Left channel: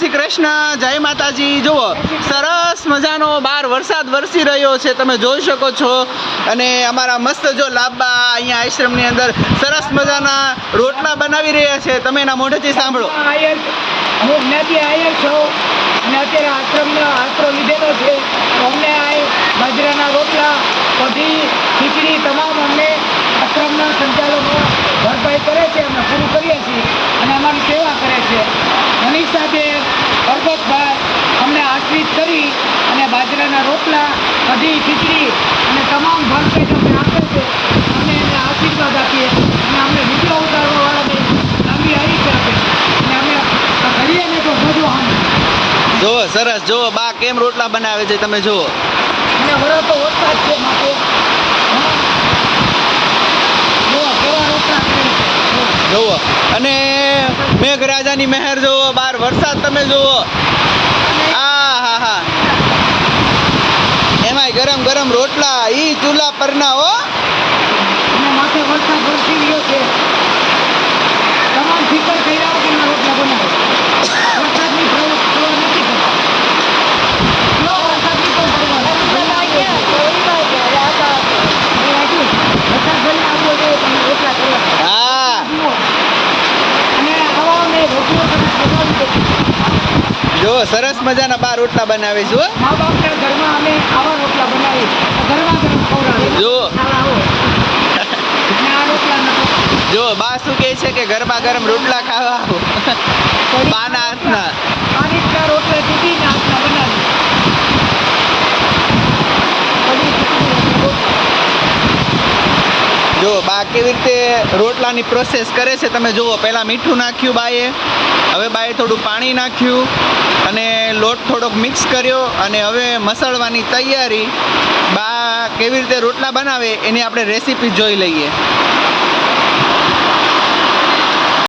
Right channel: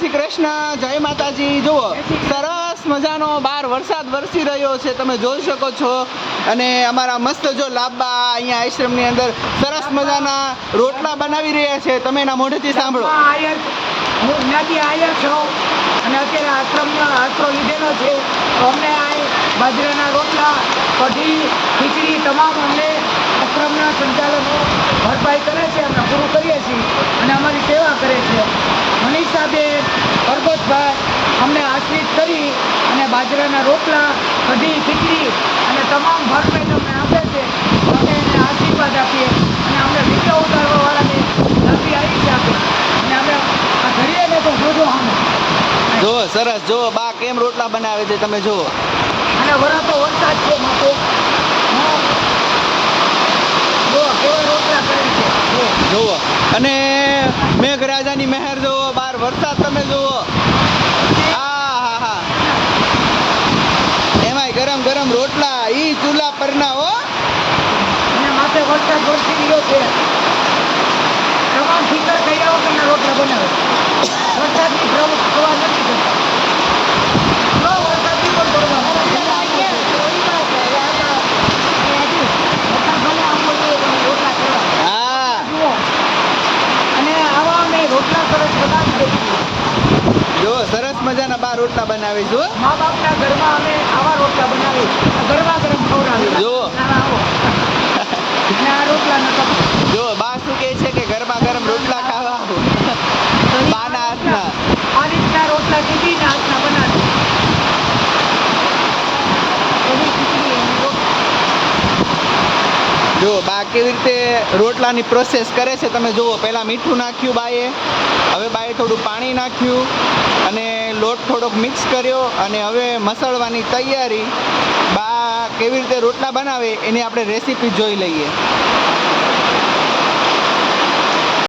શ્રી કૃષ્ણ, જય માતાજી। જુઓ સરસ મજાનો બહાર વરસાદ વરસી રહ્યો છે, તમે જોઈ શકો છો। અને અમારા મસ્ત જો લાંબા અહીંયા આશ્રમની અંદર સરસ મજાના રોટલા બનાવી રહ્યા છે, તમે એના મોઢેથી સાંભળો। હું જ્ઞાતિ આયર છું અને અત્યારે આશ્રમનો આશરો લીધેલો છે, તો અમને આ બાજરાના રોટલા, કઢી, ખીચડી તમામ અમને આશ્રમના સંચાલકો ભરપાઈ કરે છે, અમે પૂરું કરીએ છીએ અને અમારી સેવા કરે છે। મનીષાબેન, પરબતભાઈ અમને આશ્રિત કરી અને બાજરાના રોટલા, કઢી, ખીચડી અને તમામ ભરપેટ અમને આપે છે, અમે એને આશીર્વાદ આપીએ અને અમને વિડીયો ઉતારવાવાળાની લાંબી આયુષ્ય આપે અને અમે કરીએ ને તો જોજો અમે જુઓ સરસ, જુઓ બા કેમ રોટલા બનાવે છે, તમે જુઓ। અને વરસો વરસાદ છે માટે કેવા રોટલા કરે છે જુઓ અને મેઘરાજાની મહેર જુઓ, બહાર વરસાદ તમે જુઓ। હા, એમાંય ગરમ ગરમ રોટલા, ઈ ચૂલા પરના હો। અને માથે વરસાદ વરસી ગયો છે, તમામ ફિકર કર્યા વગરના રોટલા બનાવે। વરસાદની પ્રવાહ નથી કરતા, જો વરસાદની પણ પરવા વરસાદ ભલે આપવો જોઈએ તમે રોટલા કરવા હા જુઓ અને આવા અમે રોટલા સરસ બનાવી દઈએ। જો સરસ મજાના બા રોટલા બનાવે છે હો। મા બાપના ઘરમાં અમે આવા રોટલા બનાવી ગરમા ગરમ ખવડાવીએ। જુઓ આવો અને આ રોટલા નતા જો બા શું કહે છે કે ગરમા ગરમ રોટલા ખાવા આવો બાના હાથના। આ રીતના રોટલા ચૂકીને હાથના બનાવી જો બા કેવી રીતે રોટલાની પ્રોસેસ કરે છે, તમે જુઓ। પહેલાં મીઠું નાખ્યું બાએ, હવે બાએ થોડું પાણી નાખ્યું અને લોટ થોડોક મિક્સ કર્યો અને હવે મસળવાની તૈયારી। બા કેવી રીતે રોટલા બનાવે એની આપણે રેસીપી જોઈ લઈએ।